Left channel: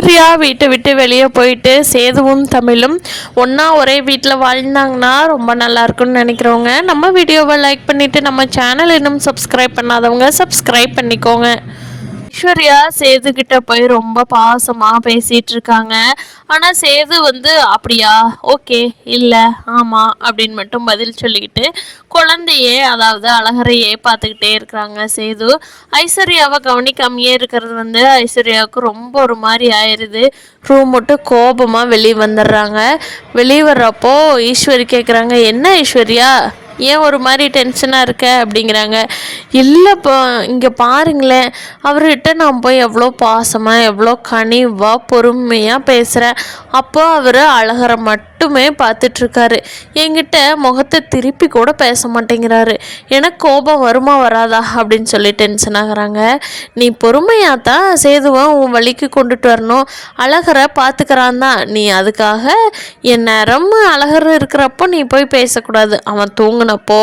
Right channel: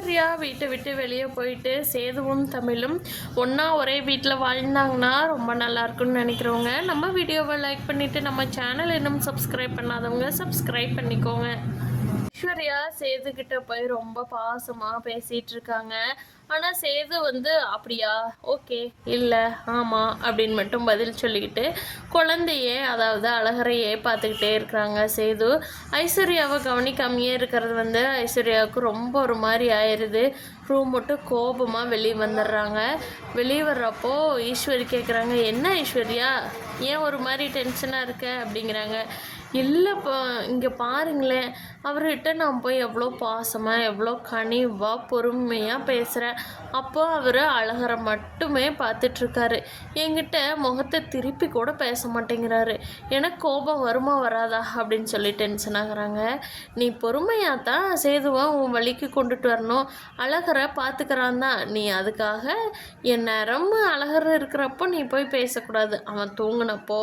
ஐஸ்வர்யா வீட்டை விட்டு வெளியே போயிட்டு சேதுவும் தமிழும் ஒன்றா ஒரே வீட்டில் வாழ்ந்தாங்கன்னா ரொம்ப நல்லா இருக்கும்னு நினைக்கிறவங்க நம்ம வீடியோவை லைக் பண்ணிவிட்டு நம்ம சேனல் இன்னும் சப்ஸ்கிரைப் பண்ணாதவங்க சப்ஸ்கிரைப் பண்ணிக்கோங்க. ஐஸ்வர்யா சேது கிட்ட போய் ரொம்ப பாசமா பேசிட்டு இருக்காங்க. ஆனா சேது அப்படியா, ஓகே, இல்ல, ஆமா அப்படின்னு மட்டும் பதில் சொல்லிக்கிட்டு குழந்தையே, அதாவது அழகரையே பார்த்துக்கிட்டே இருக்கிறாங்க சேது. ஐஸ்வர்யாவை கவனிக்காமையே இருக்கிறது ஐஸ்வர்யாவுக்கு ரொம்ப ஒரு மாதிரி ஆயிடுது. ரூம் விட்டு கோபமா வெளியே வந்துடுறாங்க. வெளியே வர்றப்போ ஈஸ்வரி கேட்குறாங்க, என்ன ஐஸ்வர்யா, ஏன் ஒரு மாதிரி டென்ஷனாக இருக்க அப்படிங்கிறாங்க. இல்லைப்பா, இங்கே பாருங்களேன், அவர்கிட்ட நான் போய் எவ்வளோ பாசமாக எவ்வளோ கனிவாக பொறுமையாக பேசுகிறேன். அப்போ அவர் அழகரை மட்டுமே பார்த்துட்ருக்காரு. என்கிட்ட முகத்தை திருப்பி கூட பேச மாட்டேங்கிறாரு. எனக்கு கோபம் வருமா வராதா அப்படின்னு சொல்லி டென்ஷன் ஆகுறாங்க. நீ பொறுமையாக தான் சேதுவை உன் வழிக்கு கொண்டுட்டு வரணும். அழகரை பார்த்துக்கிறான் தான், நீ அதுக்காக என் நேரம் அழகர் இருக்கிறப்போ நீ போய் பேசக்கூடாது. அவன் தூங்கினப்போ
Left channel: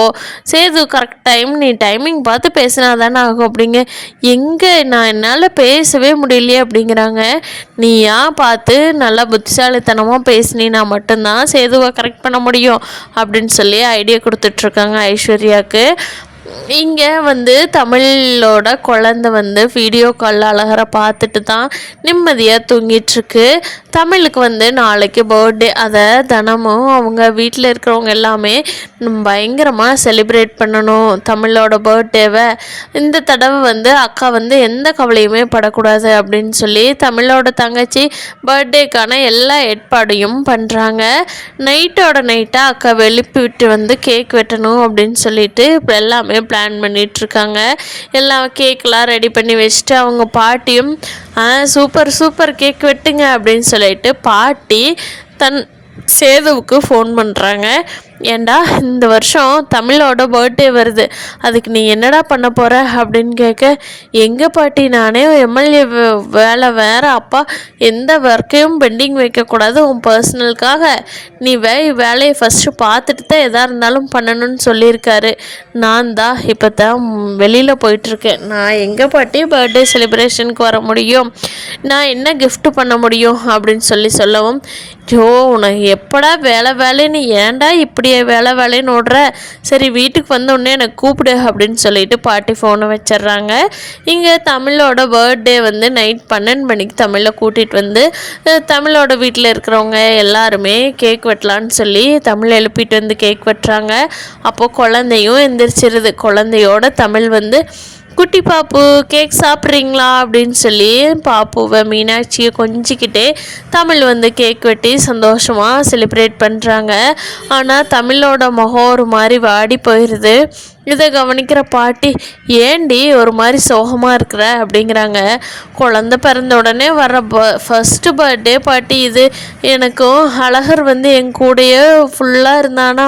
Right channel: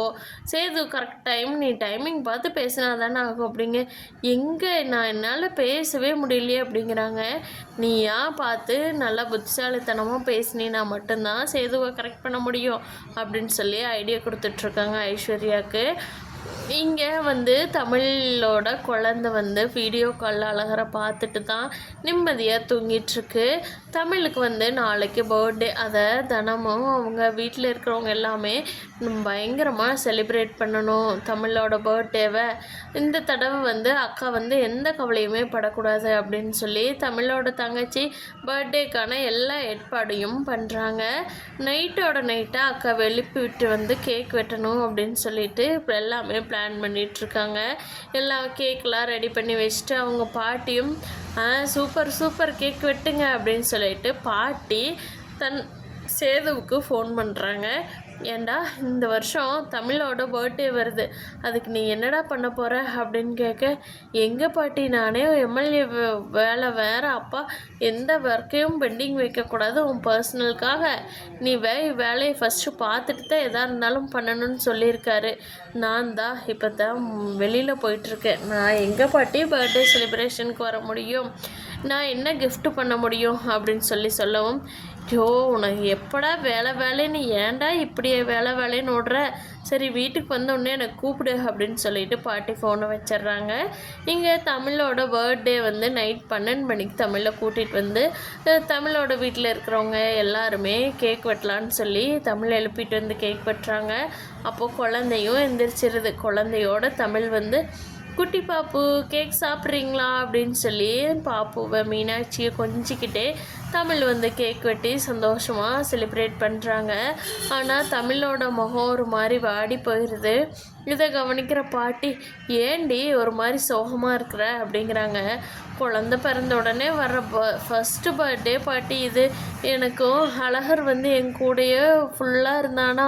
சேது கரெக்ட் டைம் நீ டைமிங் பார்த்து பேசினா தானே ஆகும் அப்படிங்க. எங்கே நான் என்னால் பேசவே முடியலையே அப்படிங்கிறாங்க. நீயா பார்த்து நல்லா புத்திசாலித்தனமாக பேசினா மட்டும்தான் சேதுவை கரெக்ட் பண்ண முடியும் அப்படின்னு சொல்லி ஐடியா கொடுத்துட்ருக்காங்க ஐஸ்வர்யாவுக்கு. இங்கே தமிழோட குழந்தை வீடியோ காலில் அழகரை பார்த்துட்டு தான் நிம்மதியாக தூங்கிட்டுருக்கு. தமிழுக்கு நாளைக்கு பர்த்டே. அதை தினமும் அவங்க வீட்டில் இருக்கிறவங்க எல்லாமே பயங்கரமாக செலிப்ரேட் பண்ணணும் தமிழோட பர்த்டேவை. இந்த தடவை அக்கா எந்த கவலையுமே படக்கூடாது அப்படின்னு சொல்லி தமிழோட தங்கச்சி பர்த்டேக்கான எல்லா ஏற்பாடையும் பண்ணுறாங்க. நைட்டோட நைட்டாக அக்கா வெளிப்பி விட்டு கேக் வெட்டணும் அப்படின்னு சொல்லிட்டு எல்லாமே பிளான் பண்ணிகிட்ருக்காங்க. எல்லாம் கேக்கெலாம் ரெடி பண்ணி வச்சுட்டு அவங்க பாட்டியும் சூப்பர் சூப்பர் கேக் வெட்டுங்க அப்படின்னு சொல்லிட்டு பாட்டி தன் சேதுவுக்கு ஃபோன் பண்ணுறாங்க. ஏண்டா, இந்த வருஷம் தமிழோட பர்த்டே வருது, அதுக்கு நீ என்னடா பண்ண போகிற அப்படின்னு கேட்க, எங்கள் பாட்டி, நானே எம்எல்ஏ வேலை வேறு, அப்பா எந்த ஒர்க்கையும் பெண்டிங் வைக்கக்கூடாது உன் பர்சனலுக்காக, நீ வேலையை ஃபஸ்ட்டு பார்த்துட்டு தான் எதாக இருந்தாலும் பண்ணணும்னு சொல்லியிருக்காரு. நான் தான் இப்போ தான் வெளியில் போயிட்டுருக்கேன். நான் எங்கள் பாட்டி பர்த்டே செலிப்ரேஷனுக்கு வர முடியும், நான் என்ன கிஃப்ட் பண்ண முடியும் அப்படின்னு சொல்லவும், ஜோ உனக்கு எப்படா வேலைன்னு ஏன்டா இப்படியே வேலைன்னு ஓடுற, சரி வீட்டுக்கு வந்தோடனே எனக்கு கூப்பிடு அப்படின்னு சொல்லிட்டு பாட்டி ஃபோனை வச்சிட்றாங்க. இங்கே தமிழோட பர்த்டே நைட் 12 மணிக்கு தமிழை கூட்டிகிட்டு தமிழோட வீட்டில் இருக்கிறவங்க எல்லாருமே கேக் வெட்டலான்னு சொல்லி தமிழை எழுப்பிட்டு கேக் வெட்டுறாங்க. அப்போது குழந்தையும் எந்திரிச்சிருது. குழந்தையோட தமிழ் குட்டி பாப்பு கேக் சாப்பிட்றீங்களா அப்படின்னு சொல்லி பாப்புவை மீனாட்சியை கொஞ்சிக்கிட்டே தமிழ் கேக் வெட்டி சந்தோஷமாக செலிப்ரேட் பண்ணுறாங்க. ஆனால் தமிழோட முகம் ஒரு மாதிரி வாடி போயிடுது. இதை கவனிக்கிற பாட்டி, ஏண்டி ஒரு மாதிரி சோகமாக இருக்கிற அப்படிங்கிறாங்க. குழந்த பிறந்த உடனே வர ஃபஸ்ட்டு பர்த்டே பாட்டி இது. எனக்கும் அழகர் என் கூடயே ஃபுல்லாக இருந்தானா,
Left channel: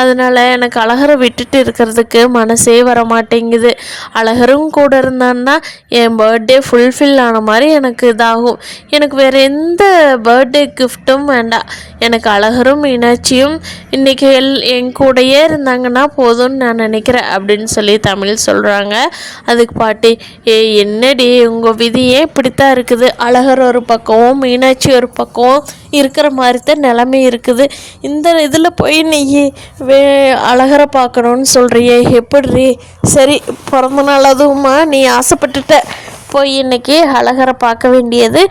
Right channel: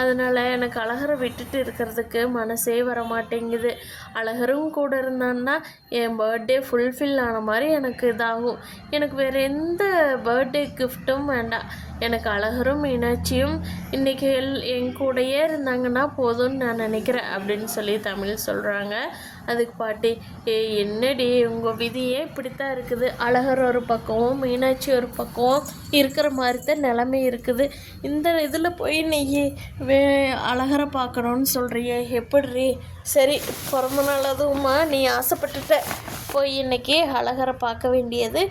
அதனால் எனக்கு அழகரை விட்டுட்டு இருக்கிறதுக்கு மனசே வர மாட்டேங்குது. அழகரும் கூட இருந்தான்னா என் பர்த்டே ஃபுல்ஃபில் ஆன மாதிரி எனக்கு இதாகும். எனக்கு வேறு எந்த பர்த்டே கிஃப்ட்டும் வேண்டாம். எனக்கு அழகரும் மீனாட்சியும் இன்றைக்கி என் கூடையே இருந்தாங்கன்னா போதும்னு நான் நினைக்கிறேன் அப்படின்னு சொல்லி தமிழ் சொல்கிறாங்க. அதுக்கு பாட்டி, என்னடி உங்கள் விதியே இப்படித்தான் இருக்குது, அழகர் ஒரு பக்கம் மீனாட்சி ஒரு பக்கம் இருக்கிற மாதிரி தான் நிலைமை இருக்குது. இந்த இதில் போய் நீ அழகரை பார்க்கணுன்னு சொல்கிறியே எப்படி? சரி, பிறந்த நாள் அதுவுமா நீ ஆசைப்பட்டுட்ட, போய் இன்றைக்கி அழகரை பார்க்க வேண்டியது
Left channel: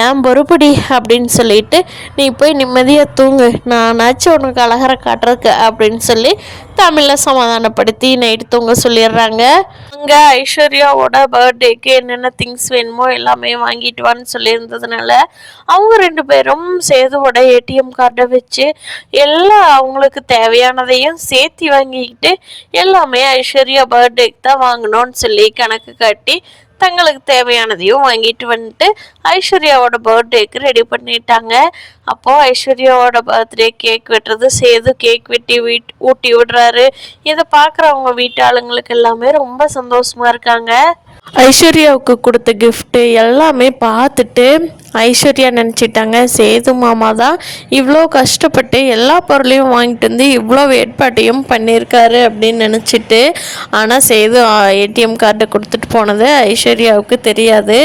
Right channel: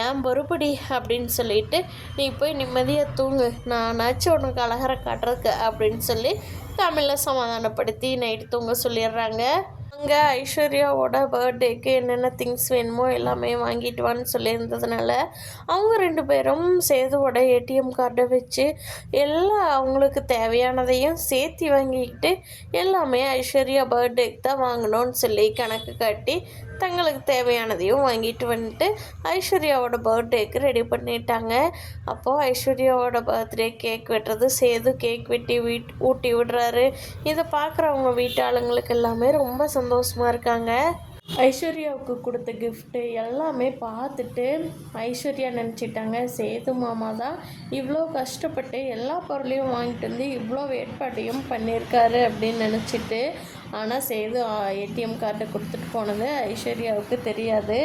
ஏன் பொறுப்படி அப்படின்னு சொல்லிட்டு நீ போய் நிம்மதியாக தூங்கு, நானாச்சும் உனக்கு அழகரை காட்டுறதுக்கு அப்படின்னு சொல்லி தமிழில் சமாதானப்படுத்தி நைட்டு தூங்க சொல்லிடுறாங்க. அங்கே ஐஸ்வர்யாவோட பர்த்டேக்கு என்னென்ன திங்ஸ் வேணுமோ எல்லாமே வாங்கிட்டு வான்னு சொல்லியிருந்ததுனால அவங்க 2 பேரும் சேதுவோட ஏடிஎம் கார்டை வச்சு எல்லாம் அவங்களுக்கு தேவையானதையும் சேர்த்து வாங்கிக்கிட்டு எல்லாமே ஐஸ்வர்யா பர்த்டேக்கு தான் வாங்கணும்னு சொல்லி கணக்கு காட்டி தங்களுக்கு தேவையானதையும் வாங்கிட்டு ஐஸ்வர்யாவோட பர்த்டேக்கு ரெடி பண்ணிட்டாங்க. அப்போது ஐஸ்வர்யாவோட பர்த்டே கேக் வெட்டுறது, சேது கேக் வெட்டி ஊட்டி விடுறாரு. இதை பார்க்குறவங்க வீட்டு ஆளுங்களுக்கு எல்லாமே ரொம்ப சந்தோஷமாக இருக்காங்க. ஐஸ்வர்யாவுக்கு கொடுத்த கிஃப்ட்டு எல்லாமே பார்த்துட்டு ஐஸ்வர்யா நினச்சிட்டாங்க சேது மாமா தான் இவ்வளோ கஷ்டப்பட்டு எல்லா பொருளையும் வாங்கிட்டு வந்து இவ்வளோ ஏற்பாட்டையும் பண்ணியிருக்காரு அப்படின்னு நினச்சிட்டு, ஆனால் சேது ஏடிஎம் கார்டை கொடுத்துட்டு போனது ஐஸ்வர்யாவுக்கு தெரியாது.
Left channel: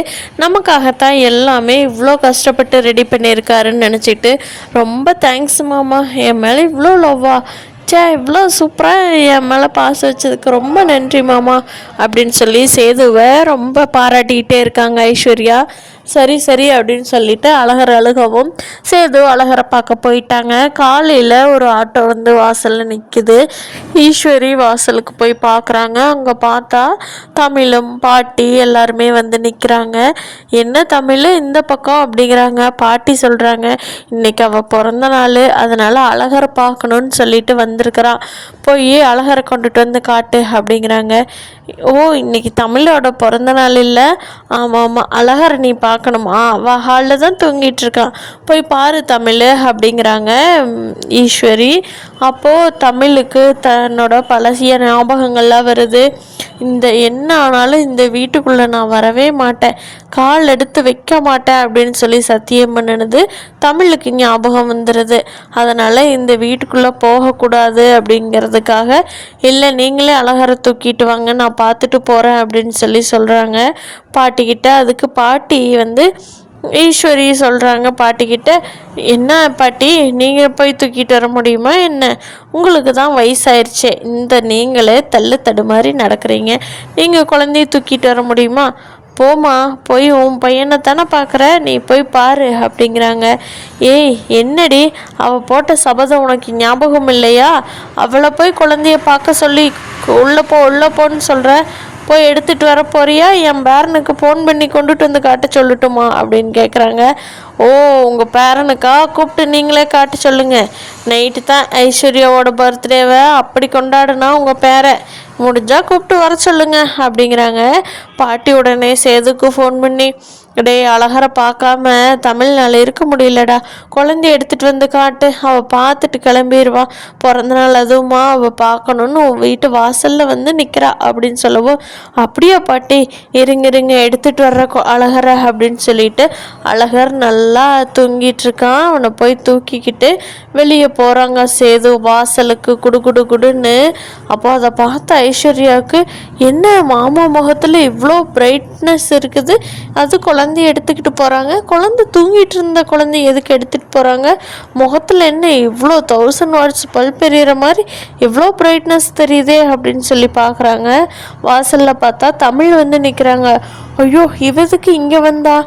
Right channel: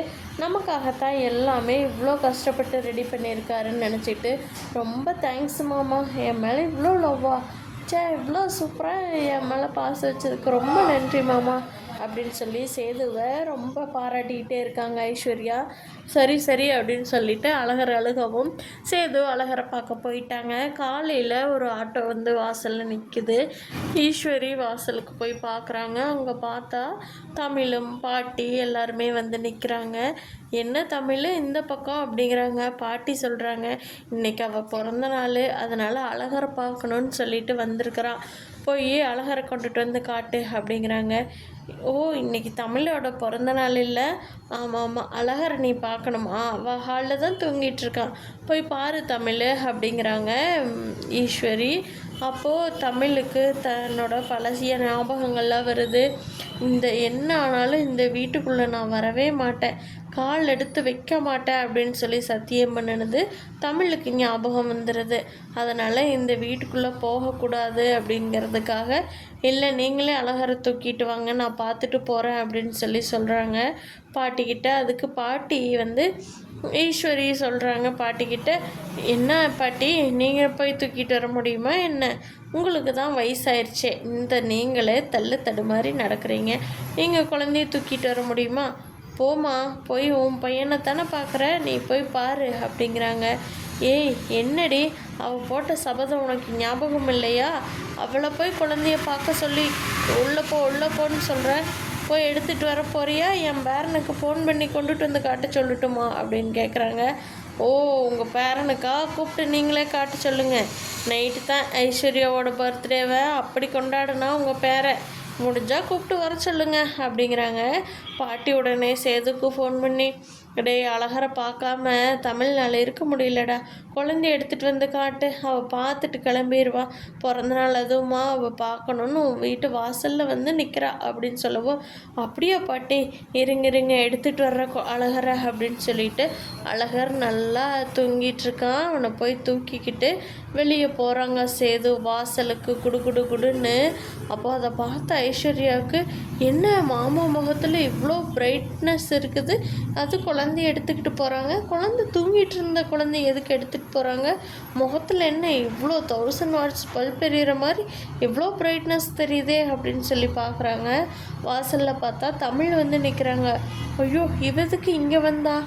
நமக்காகத்தான் எல்லாமே இவ்வளோ கஷ்டப்பட்டு ரெடி பண்ணியிருக்காருன்னு நினச்சிட்டு, ரொம்ப தேங்க்ஸ் மாமா, என் மேலே இவ்வளோ லவ்வா, இவ்வளோ சூப்பராக என் மேலே பாசம் வச்சதுக்கு ரொம்ப நன்றி மாமா அப்படின்னு சொல்லி சேதுவை ரொம்ப பாராட்டிக்கிட்டே இருக்காங்க ஐஸ்வர்யா. சரி சரி அப்படின்னு சொல்லிட்டு அழகர் அழுகவும் சேது அழகரை பார்க்க போயிட்டாங்க. காலையில் ஒரு ஆட்டோ வந்து வாசலில் நிற்குது. ஈஸ்வரி வாசலுக்கு போய் பார்க்குறாங்க. அங்கே பார்த்தா தமிழும் பாட்டி எல்லாருமே வந்து நிற்கிறாங்க. என்ன தமிழ் இந்த பக்கம் அப்படிங்கிறாங்க. பாட்டி சொல்கிறாங்க, இன்னைக்கு அவள் பிறந்த நாள், அதனால் அழகரை பார்க்கணுன்னு சொல்லிட்டு வந்திருக்கிறான், போய் அழகரை கொண்டுட்டு வந்து காட்டு அப்படிங்கிறாங்க. ஓ, இன்னைக்கு தமிழோட பிறந்த நாள் இல்லை? ஆமாம் ஆமாம், அழகரை நீ பார்க்கணுமா? அவள் ஹாலில் தான் தூங்கிட்டு இருக்கான், போய் பாரு தமிழ் அப்படிங்கிறாங்க ஈஸ்வரி. அப்போது தமிழுக்கு தன்னோட பழசிய ஞாபகங்கள்லாம் வருது. என்ன ஆனாலும் இந்த வீட்டுக்குள்ளே நான் வரவே மாட்டேன், கால் எடுத்து வைக்க மாட்டேன் அப்படின்னு சொல்லி சத்தியம் பண்ணினது தமிழுக்கு ஞாபகம் வந்துடுது. அதனால் இந்த வீட்டுக்குள்ளே போகக்கூடாது அப்படிங்கிறதுக்காக, இல்லை நீங்களே அழகரை தூக்கிட்டு வாங்க, நான் பார்த்துட்டு போகிறேன் அப்படின்னு சொல்லி சொல்கிறாங்க பாட்டிக்கிட்ட. அதுக்கு பாட்டி வந்து ஈஸ்வரி சொல்கிறாங்க பாட்டிக்கிட்ட, என்ன பாட்டி நீங்கள் போய் தூக்கிட்டு வர முடியுமா என்ன? உங்களுக்கு தான் வயசாயிருச்சே, நீங்களே தள்ளு தடுமாறி நடக்கிறீங்க, நீங்கள் குழந்தைய தூக்கிட்டு வர முடியுமா? போமா, போய் உன் பையனை தானே பார்க்குற, நீ போய் பாரு அப்படிங்கிறாங்க. ஏய் என்னடி, அவள் போட்ட சபதம் உனக்கு ஞாபகம் இல்லையா? அவளை போய் குழந்தைய பார்க்க சொல்லி உள்ளே போன்னு சொல்கிற, போய் எடுத்துகிட்டு வர போறியா? என் பேரனுக்கு ஃபோன் பண்ணி கொண்டுட்டு வந்து காட்ட சொல்லட்டுமா அப்படின்னு கேட்குறாங்க. ஓ, உங்கள் பேரனுக்கா? கூப்பிட்டு நீங்களே காட்ட சொல்லுங்கள். நைட்டு தான் ஐஸ்வர்யாவோட பர்த்டேவை அப்படி கொண்டாடுனா உங்கள் பேரை, முடிஞ்சால் கூப்பிட்டு வர சொல்லுங்க அப்படிங்கிறாங்க பாட்டி. உடனே சேதுக்கு ஃபோன் பண்ணி, டே அழகரை பார்க்காம தமிழ்நாள் இருக்க முடியலடா, குழந்தைய எடுத்துகிட்டு வந்து காட்டு, அவள் பார்த்துட்டு கிளம்பிடுவா, பிறந்த நாள் அதுவுமா, அவள் பார்க்கணுன்னு உன் வீட்டு வாசலில் வந்து நிற்கிறா அப்படின்னு சொல்லவும், அப்படியா பாட்டி, இருங்க எடுத்துகிட்டு வர்ற அழகரை அப்படின்னு சொல்லிட்டு அழகர் நல்லா தூங்கிட்டு இருக்கான். அவனை போய் தூக்கிக்கிட்டு வெளியே போகிறாங்க சேது வாசலுக்கு குடுன்னு. அப்போ அதை பார்த்த ஐஸ்வர்யாவுக்கு, என்ன மாமா முகத்தில் இவ்வளோ பிரைட்னஸ் இருக்குது, அது குழந்தைய எடுத்துக்கிட்டு போகிறாங்க, குழந்தை தூங்கிட்டு இருந்த குழந்தைய எதுக்கு எடுத்துகிட்டு போகிறாங்க, முகத்தில் என்ன இவ்வளோ 1000 வாட்ஸ் பல்ப் எறிகிற மாதிரி இவ்வளோ பிரைட்னஸ் தெரியுதே அப்படின்னு சொல்லி பார்க்குறாங்க. வாசலில் பார்த்தா தமிழ் வந்து நிற்கிறாங்க. ஐயோ, இவதுக்கு இங்கே வந்தா,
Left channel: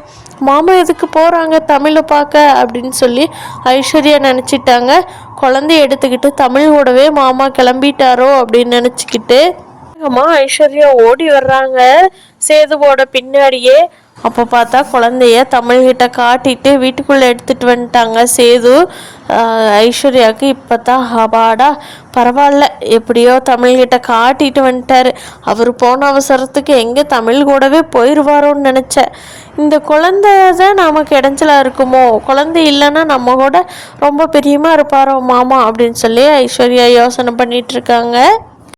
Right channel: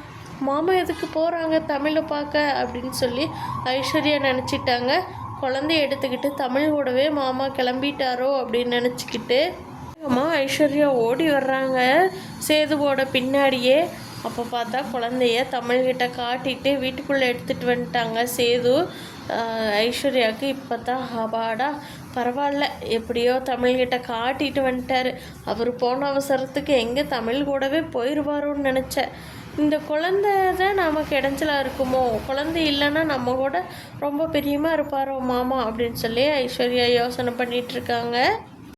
மாமா எதுக்கு போகிறாங்க தமிழை பார்க்க அப்படின்னு சொல்லி ஐஸ்வர்யா நினச்சிட்டாங்க. குழந்தைய எடுத்துக்கிட்டு தமிழோடவே மாமா கிளம்பிட்டாரோ அப்படின்னு நினச்சிக்கிட்டு அம்மா ஐஸ்வர்யா ஓடி வர்றாங்க சேதுவோட பின்னாடியே. அப்போ பார்த்தா குழந்தைய தமிழ்கிட்ட காட்டிட்டு வீட்டுக்குள்ளே எடுத்துகிட்டு வந்துட்டாங்க சேது. ஐஸ்வர்யாவுக்கு இப்போ தான் ஹபாடா பரவாயில்ல, எப்படியோ தமிழ்கிட்ட காட்டிட்டு வந்துட்டார். அவர் போன அவசரத்துக்கு எங்கே தமிழ் கூடவே போயிடுவாரோன்னு நினச்சேன். இந்த குழந்தை தான் நமக்கு இடைஞ்சலாக இருக்குமோ, குழந்தை இல்லைன்னா நம்ம கூட ரொம்ப பிரியமாக இருப்பாரோ மாமா அப்படின்னு சொல்லி ஐஸ்வர்யா யோசனை பண்ணிகிட்ருக்காங்க.